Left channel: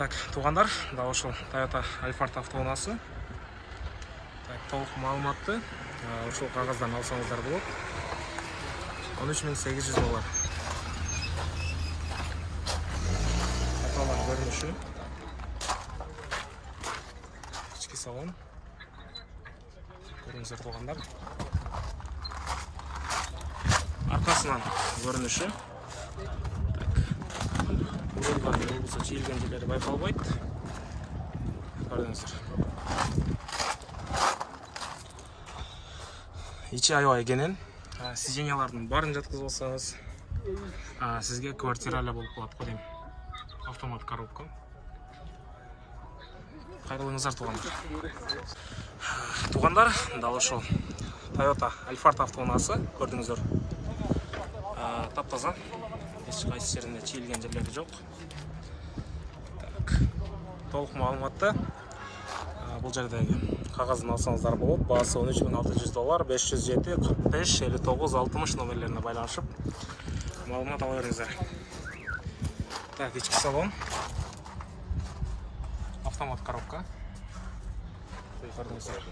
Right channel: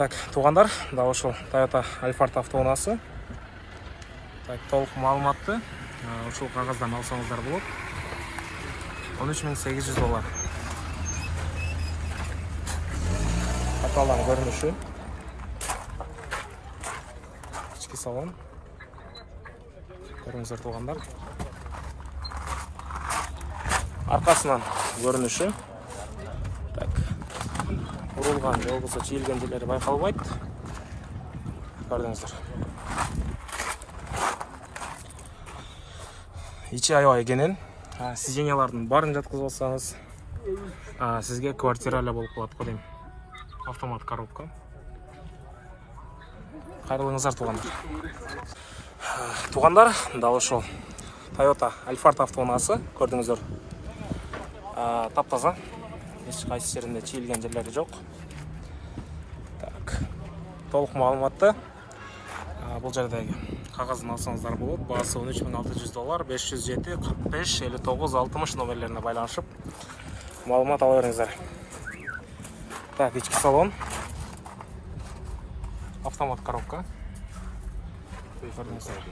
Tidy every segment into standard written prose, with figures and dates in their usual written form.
Так, туғандар, дал ушул Toyota Alphard автоунаасы. Так, толық маалыматты ушул кагаздан алсаңыздар болот. 13.800 доллар. Аталган көрүнүшү. Ички салон. Көрүңүздөр туғандар. Аркасынан көрүнүшү. Так. Урулган же болбосо чийилген жерлери байкалбайт. Көрдүңүздөр. Ичи аябай кенен. Сиденьялардын барын жаткызып алсаңыз, сизге квартира эле болуп калат го дейм. Автомат коробка. Кайрылыңыздар туғандар. Туғандар, дал ошол Toyota Alphard автоунаасы, көрдүңүздөр. Таптаза. Эч кайсы жеринде чийилген жерлери жок. Так. Толук маалыматты бул жердеги кагазын алсаңыздар болот. Баасы 13.600 доллар, 507 45 59 60 номерлерине байланышып маалымат ала бериңиздер. Так, ички салон. Автомат коробка. Көрдүңүздөр.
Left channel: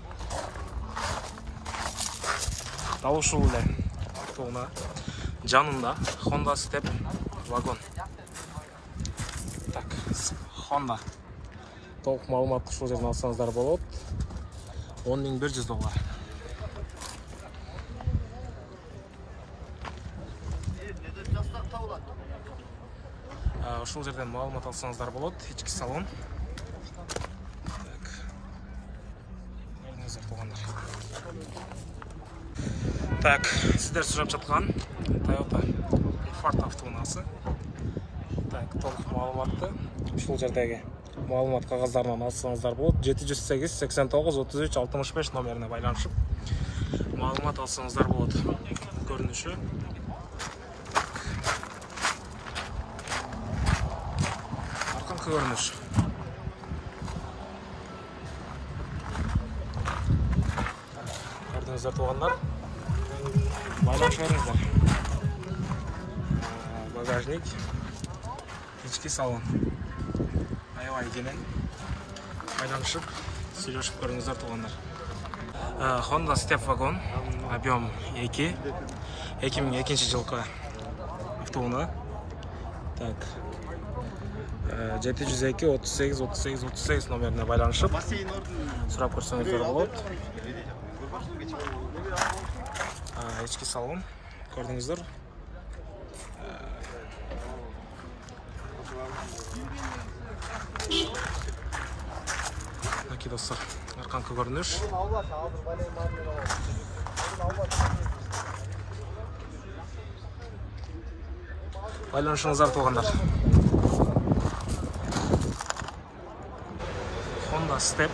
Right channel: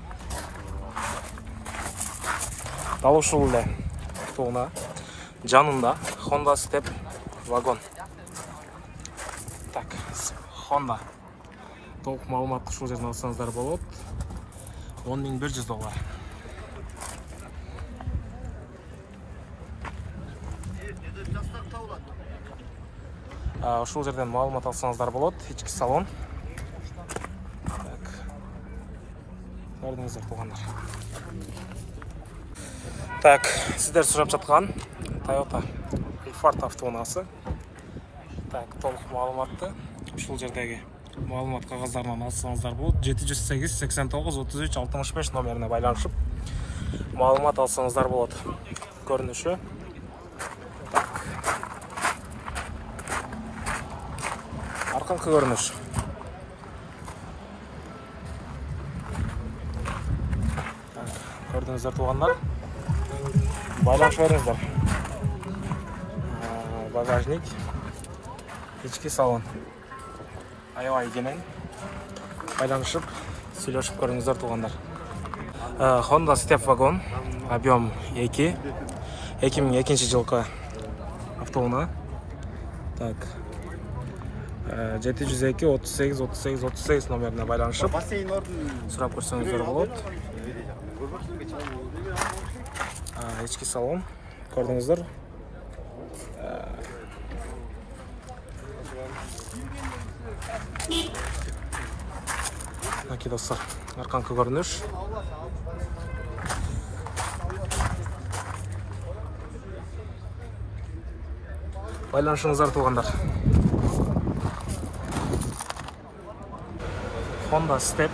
Дал ушул эле автоунаа жанында Honda Step вагон. Так, Honda. Толук маалыматты ушул жерден алсаңыздар болот. 10.100 доллар. Ушул жерден маалымат алсаңыздар болот. Ички салон. Так. Көрдүңүздөр туғандар. Так, сиздер сурап жаткан Toyota Alphard автоунаасы. Так, толук маалыматты ушул жердеги маалымат кагаздарынан алсаңыздар болот. 708 89 33 65 номерине байланышып маалымат алсаңыздар болот. Көрүнүшү. Так. Арканкы көрүнүш. Көрдүңүздөр туғандар. Байланышып бериңиздер. Багажник. Ички салон. Аябай кенен. Байланышып, сүйлөшүп көрүңүздөр туғандар. Honda Step вагон. Объем 2. 2002 жылкы автоунаа. Так. 702 38 38 38 номерине байланышып сурап көрсөңүздөр болот. Ички салон. Көрдүңүздөр. Мынакей достор, арканкы көрүнүш. Байланышыңыздар туғандар. Honda Step.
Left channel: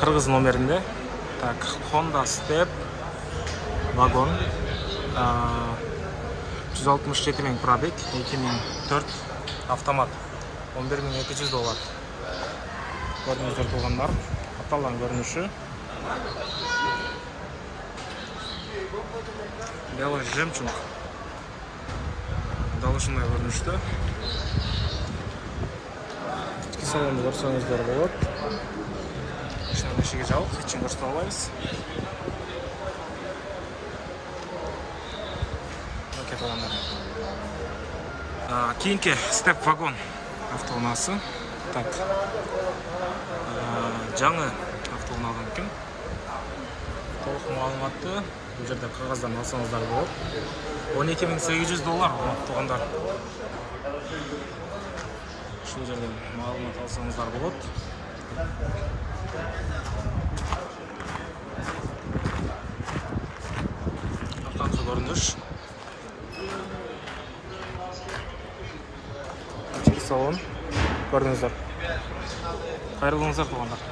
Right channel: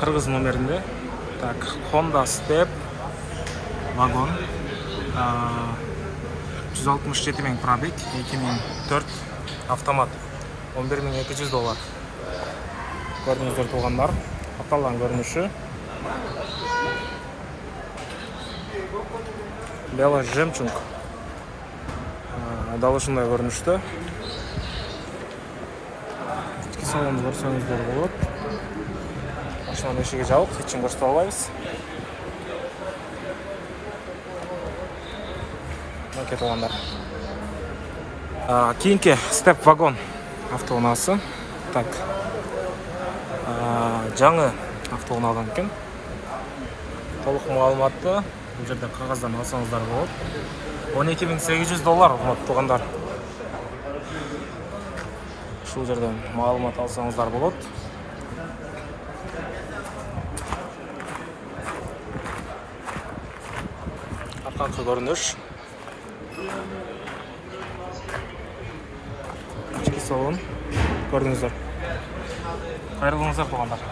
Кыргыз номеринде. Так, Honda Step вагон. 167 000 пробег, 2004 автомат. 11.200 доллар. Көрдүңүздөр туғандар. Аталган көрүнүшү. Белый жемчуг. Дал ушундай көрүнүштө. Ички салонду көрсөңүздөр болот. Машинанын эшиги жабык, эчин көрсөтө албайбыз. Мынакей туғандар. Кийинки Step вагон автоунаасы. Так. Жаңы автоунаадан экен. Толук маалыматты бул жерде кагаздан алсаңыздар болот. 12.800 доллар туғандар. Ушул жерден маалымат алсаңыздар болот. Арканкы көрүнүш. Ички салон. Көрдүңүздөр. Кайрылыңыздар туғандар.